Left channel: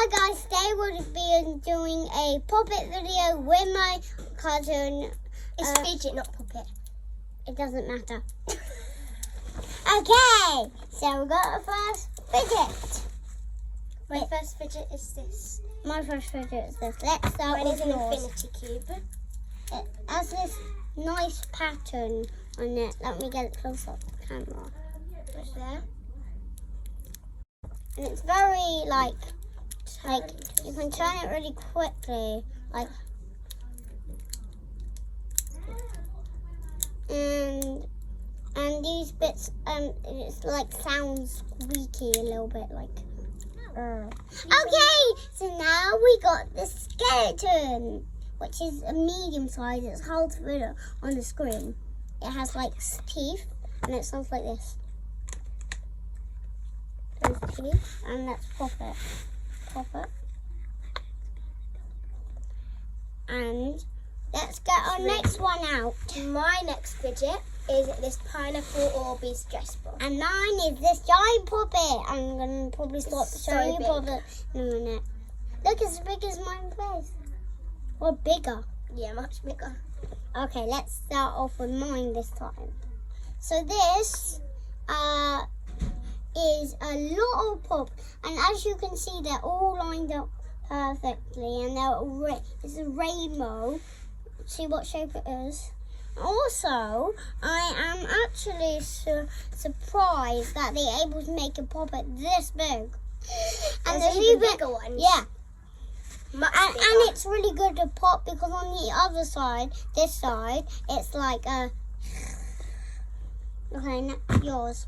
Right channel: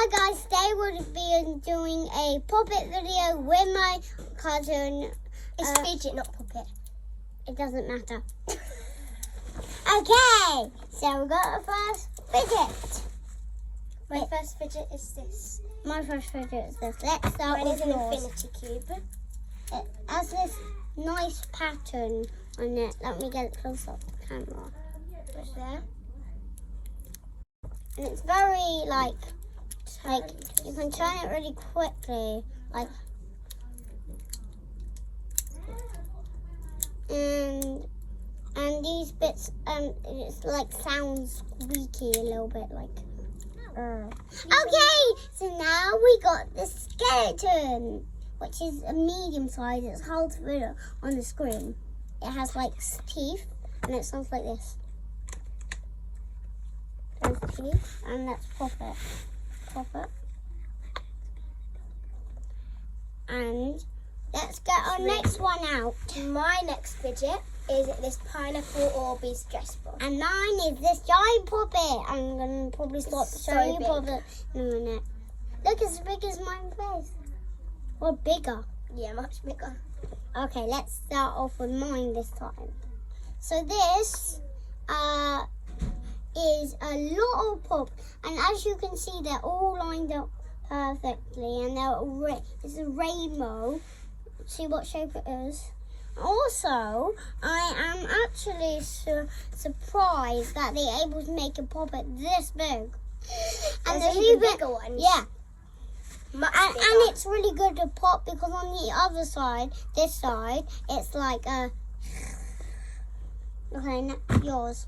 Hi guys, today we'll be doing a Poppet video with my cousin. It's Fidget, not Poppet. It doesn't matter. Okay, so we got our first Fidget. My first Fidget is this. My first Fidget is this. Let's start with an yours. infinity cube. It has this nice pattern on it. Let me get it close up the camera. Just there. And it's very like you can turn it really quickly, like, and these bits it's like sounds squeaky a little bit, like. Okay, so now we got the skeleton, which is a medium size. It's hard to read on the screen. It has like teeth, and it sounds like this. There's the teeth, and let's pop it. And let's get our next one out. My next Fidget is this pineapple Orbeez dress ball. And mine is this giant puppet. I'm going to probably start showing you puppet in a minute. Look, it's as big as my face. Or bigger. Yeah, much bigger. Okay, let's start off with mine this time. So this is a lot of pop. And as you can see, they're all lined up perfectly. And it's a rainbow. See what shape it is? Also, I am actually surprised that they're able to make a puppet this big. And there's the bigger ones. Yeah. And it's really good to pop because on the other side, this side, it's like okay, yours.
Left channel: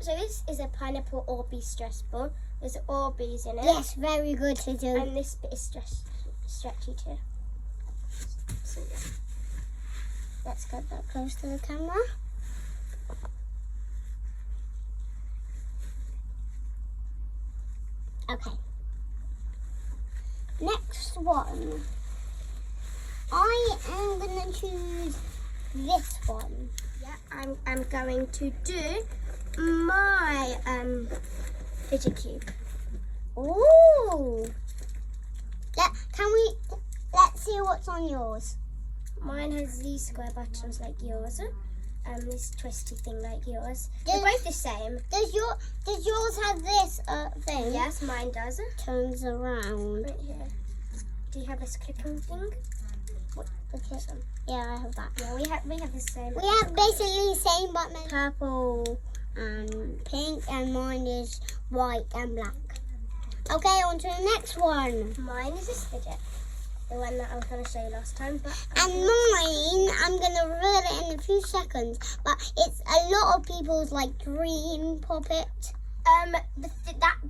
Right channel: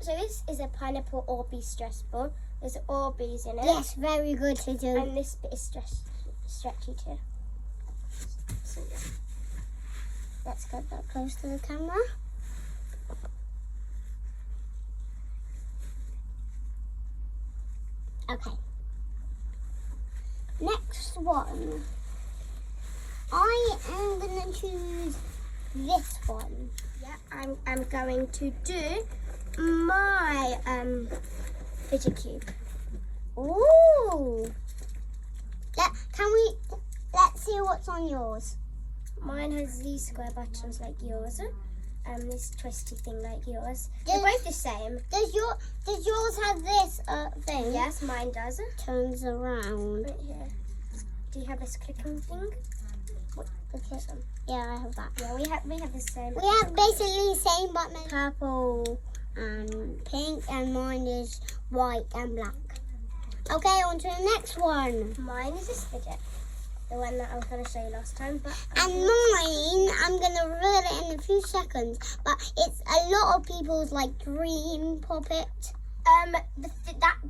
So this is a pineapple Orbeez dress ball. There's Orbeez in it. Yes, very good to do. And this bit is stretchy too. So, yeah. Let's get that close to the camera. Okay. Next one. I am going to choose this one. Yeah, I'm going to do my Fidget cube. Ooh. Let's see what's on yours. Mine has these square buttons like yours. This twisty thing like yours. They're both the same. Does yours have this thing? Yes, mine does. Turns around. Right here. Do you have this clicking thing? Yeah, I have that. Yeah, we have the same. We have basically the same but purple and pink, and mine is white and black. Okay, on to the next one. Mine is this Fidget. The one that I was going to show you last time. And mine, I'm going to reveal it in a few seconds, but it's a lot of people's like dream puppet.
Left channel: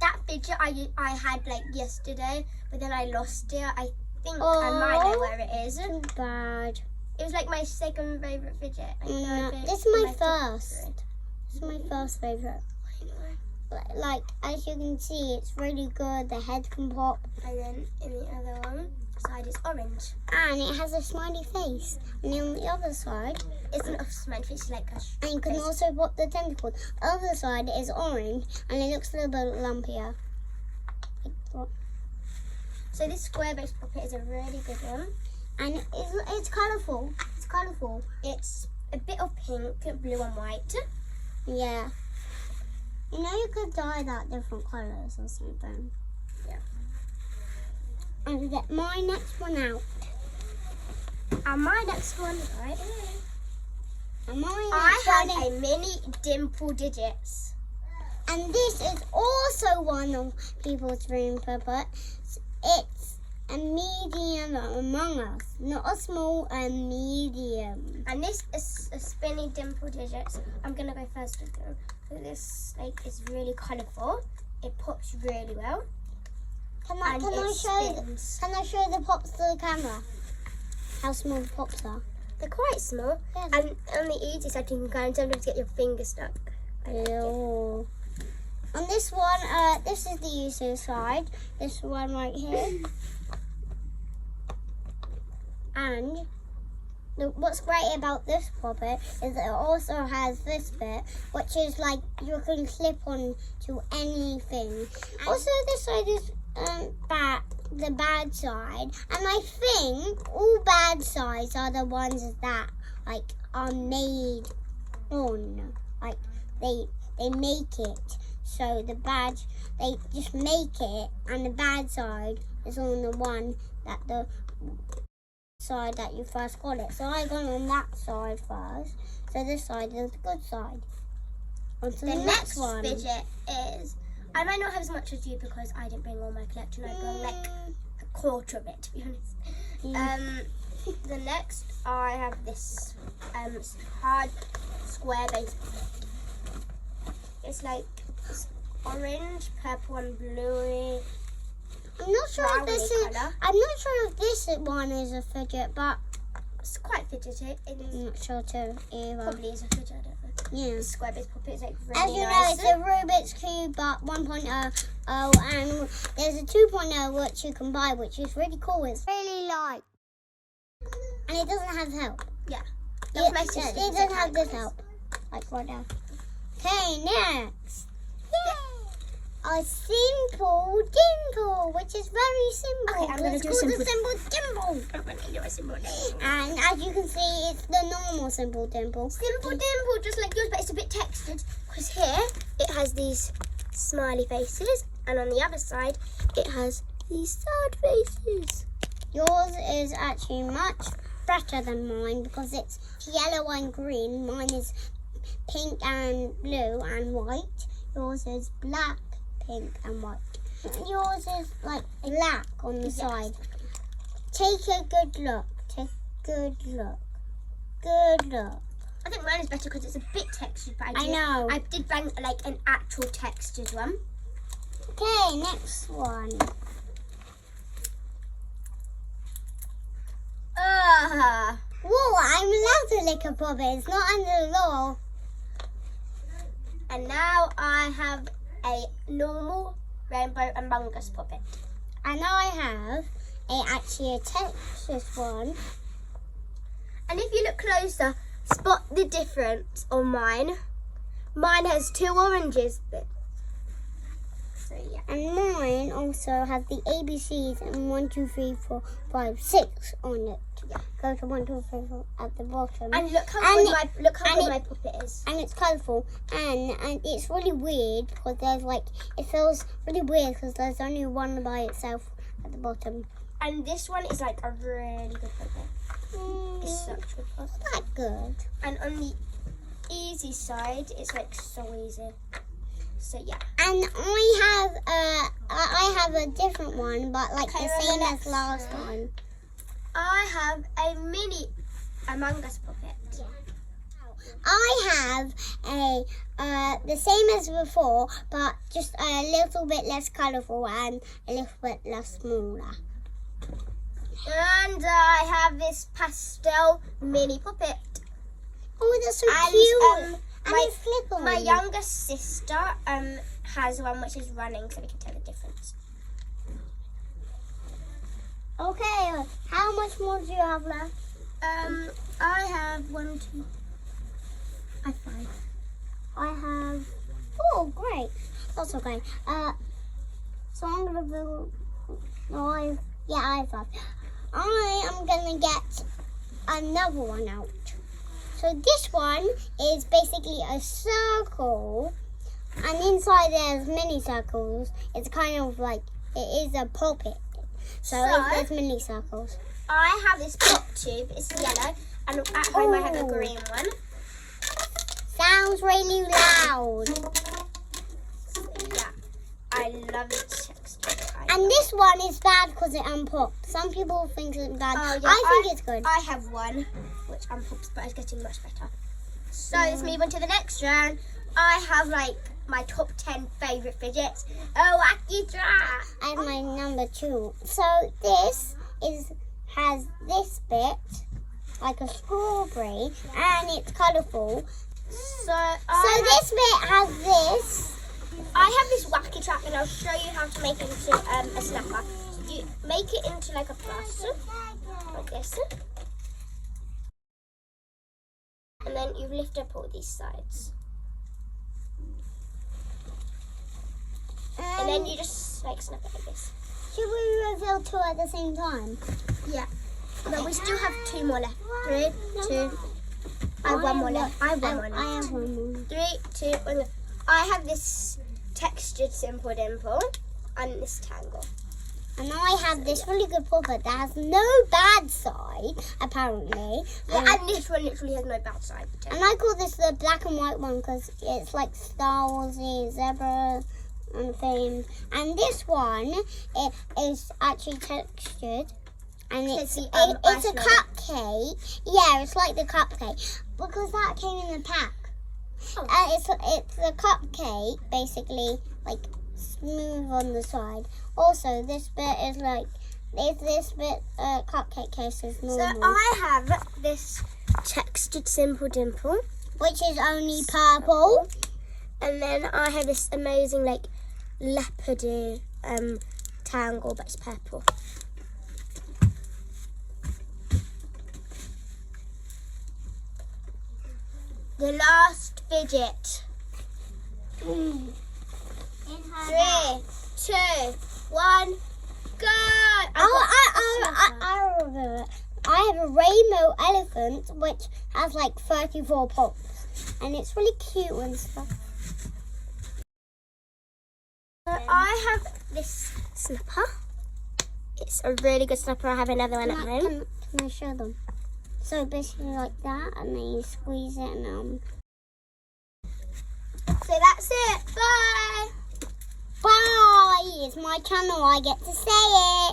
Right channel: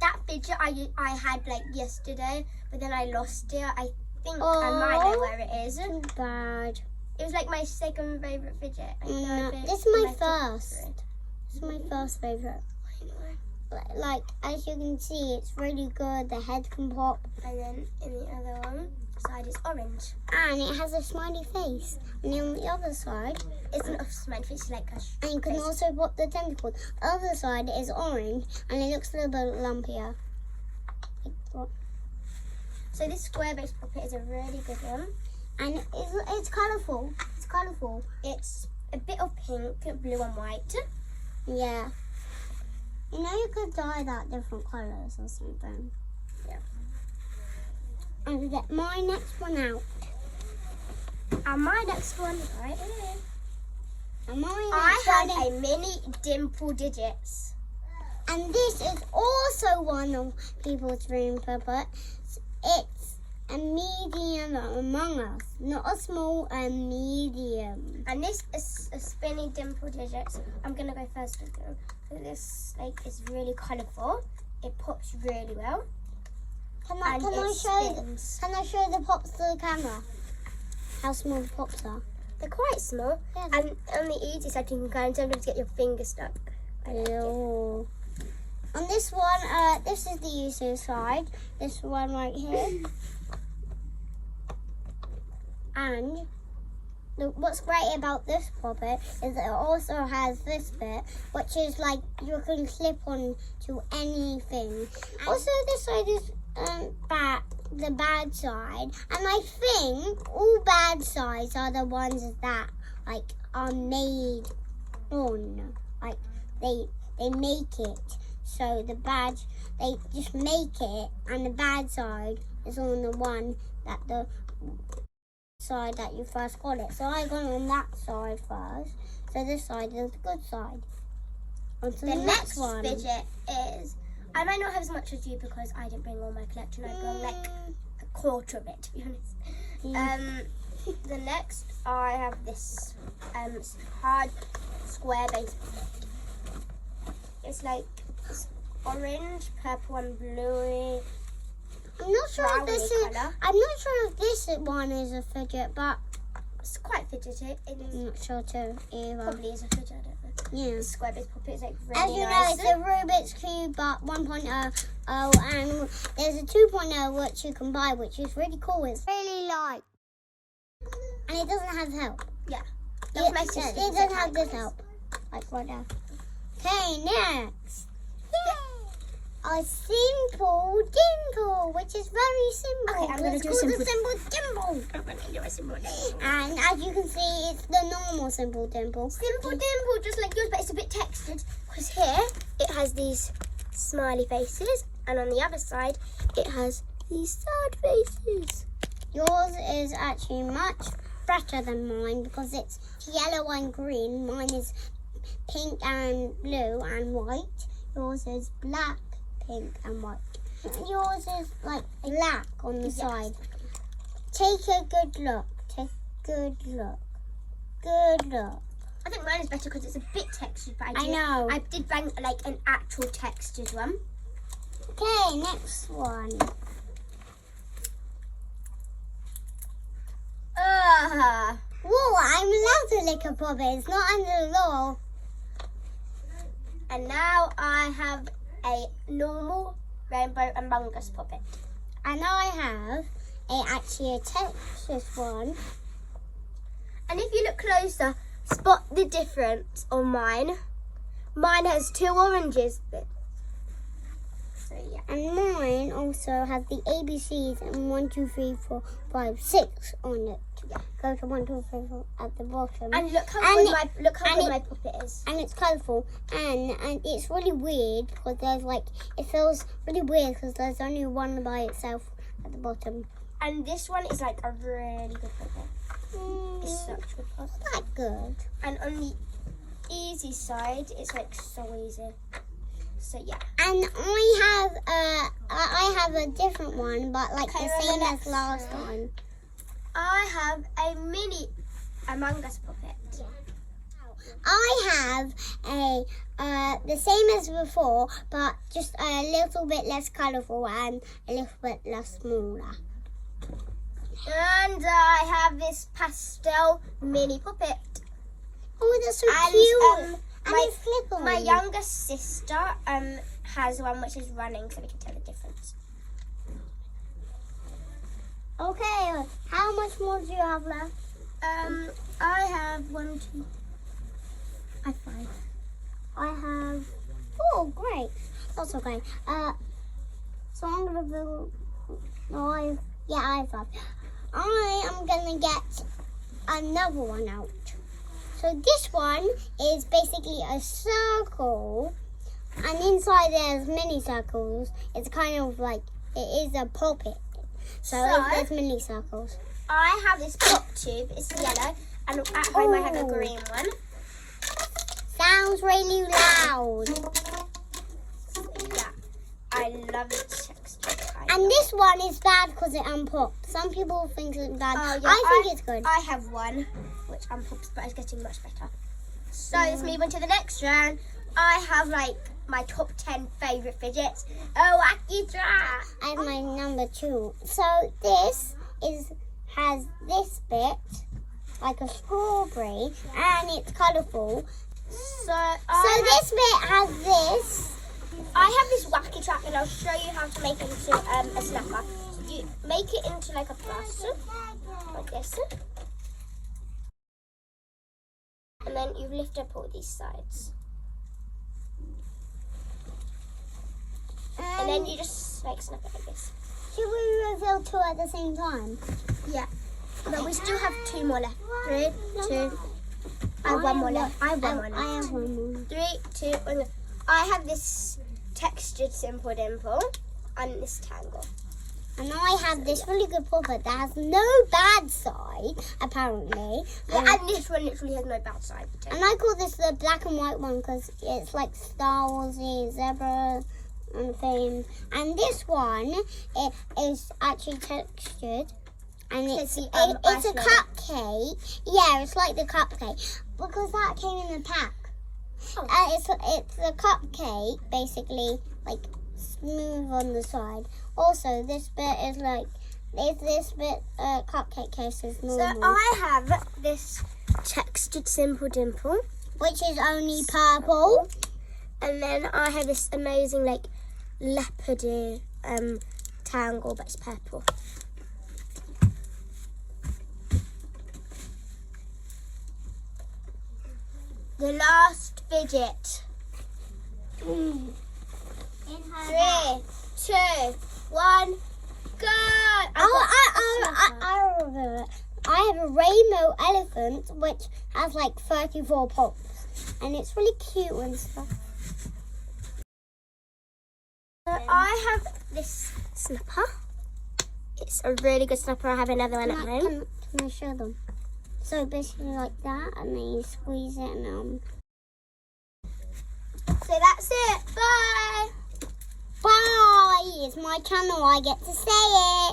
That Fidget I had like yesterday, but then I lost it. I think I might know where it is. Too bad. It was like my second favourite Fidget. This is my first. This is my first favourite. Like, as you can see, it's really good. The head can pop. And then in the other one side is orange. And it has a smiley face. And then on the other side, it's not a smiley face, like a and you can also pop the tentacles. The other side is orange, and it looks a little bit lumpier. So this square-based puppet is a really good one. And it's colourful. It's colourful. It's a bit of pink, blue and white. Yeah. You know you could dye that different colours or something. Yeah. And get my next one out. And my next one, right here. And I have a mini dimple digits. And this is also one of people's dream puppets. It's a medium Among Us, not a small, a medium. And this is a spinny dimple digits. I'm gonna go first with them. So this snake is really colourful. It pops really well. Can I show the pops to the camera? How small the pops are? They're quite small. Yes. And on the easy side you can kind of get your finger stuck. Ew. On this one, this is the user side. This one right here. And what's great about this puppet is it also has this bit, which is like you can clip on to anything. Also, this side is bad. the bad side, and I think all bad sides are the ones that like are made on, like they make it. So the bad, they just make it, and the bad side is on the one that the side that you first got it. So I got on that side first. So this side is the good side. On to the next one. Fidget is, I might not have as much as you because I didn't bring all my collection. I brought like a quarter of it, to be honest. The next, I have this hard square base. It's like orange, purple, and bluey. I'm not sure if this is. Colour. I'm not sure if this one is a fidget, but It's quite fidgety. I'm not sure too either. Probably is a fidget. I don't know. Yeah. The square base puppet is like really As you know, nice. it's a Rubik's Cube, but 1.0, and there's a 2.0 which you can buy, which is really cool. It's really light, and it doesn't have help. Yeah. It doesn't have this help, like right now. Okay, next. A simple dimple, which is very simple. Okay, I'm gonna It's do called a a simple dimple. I'm going to do a simple dimple. And as you can see, it's the normal simple dimple. Simple dimple, just like yours, but it's a bit textured. Because here, it has these smiley faces. And on the other side, it has these sad faces. Yours is actually much better than mine because it's yellow and green. Mine is pink and blue and white. Yours is black, pink and white. Yours is like black on the side. Take a good look. Take a good look. Good look. I think mine is better because it's a bit textured. But I know. I did bang like an actual textured one. Okay, next one. Whoa, I'm allowed to lick a puppet. It's not under the law. And now I have a normal rainbow Among Us puppet. And I have actually a Texas one. And if you look closer, spot the difference on mine. Mine has 2 oranges. So yeah. And mine also has the ABCs and 1, 2, 3, 4, 5, 6 on it. Go to 1, 2, 3, 4 at the bottom. And look how And good my puppet is. And it's colourful. And it's really weird because there's like, it feels really weird because there's only one by itself at the bottom. And this one is like a really good puppet. It's such a good puppet. Not good. And on the easy side, it's like so easy. So yeah. And I have a different one, but like Okay, the same as last time. I have a mini Among Us puppet. I have the same as before, but just a little bit less colourful and a little bit less smaller. And I have this pastel mini puppet. Oh, that's so And, cute! And my- it's flipping. My younger sister has one which is running, so we can tell the difference. Okay, how much more do you have left? I have 1, 2. I have 5. I have. Oh, great! That's okay. So I'm gonna build. No, I have 5. I am gonna get another one out. So this one is basically a circle, and inside there's mini circles. It's kind of like it is a puppet. So there's mini circles. I have this pop tube. It's yellow, and at home I have a green one. Sounds really loud. Yeah, I love it. And this one is bad because it unpops. Some people think it's bad. Oh, yeah, I think it's good. I have one which unpops, but it's getting much better. So let's move on to the next round. I have like my top 10 favourite fidgets. Oh, wacky draw! I have my number 2. So this has this bit like a strawberry, and it's colourful. So this bit has this. I have this wacky trap, and I'll show you how to make it into a snapper. You make it into like a plus, like this. And then you lift up all these sides. And then you just like snap it like this. Should we reveal 2 at the same time? Yeah. But we still have 2 more left. 3, 2. I have 1 more left. I have 1 more left. I have 1 more. 3, 2, 1. I have this textured simple dimple and this tangle. And I have this really good puppet that has no bad side, apparently. Yeah, and this one literally has no bad side. And I call this the black and white one because it's like Star Warsy, zebra and things. And this one, it is actually textured. And it's a cupcake. Yeah, it's like the cupcake. Because that came in the pack. Oh. And it's a cupcake, basically, like smooth on the side. Also, this bit is like, this bit cupcake case is normal. So I have this textured simple dimple, which is only purple. and then I have this amazing like leopardy tangle, but it's purple. The last fidget. 3, 2, 1, go! I remember it. I have a rainbow elephant which has like 34 pops, and it's really cute and stuff. I have this slipper. It's a really good slipper. I have another one at home. Can I show them? So basically like that, and then you squeeze it and So that's it. Bye. Bye! It's my channel, I get to say it.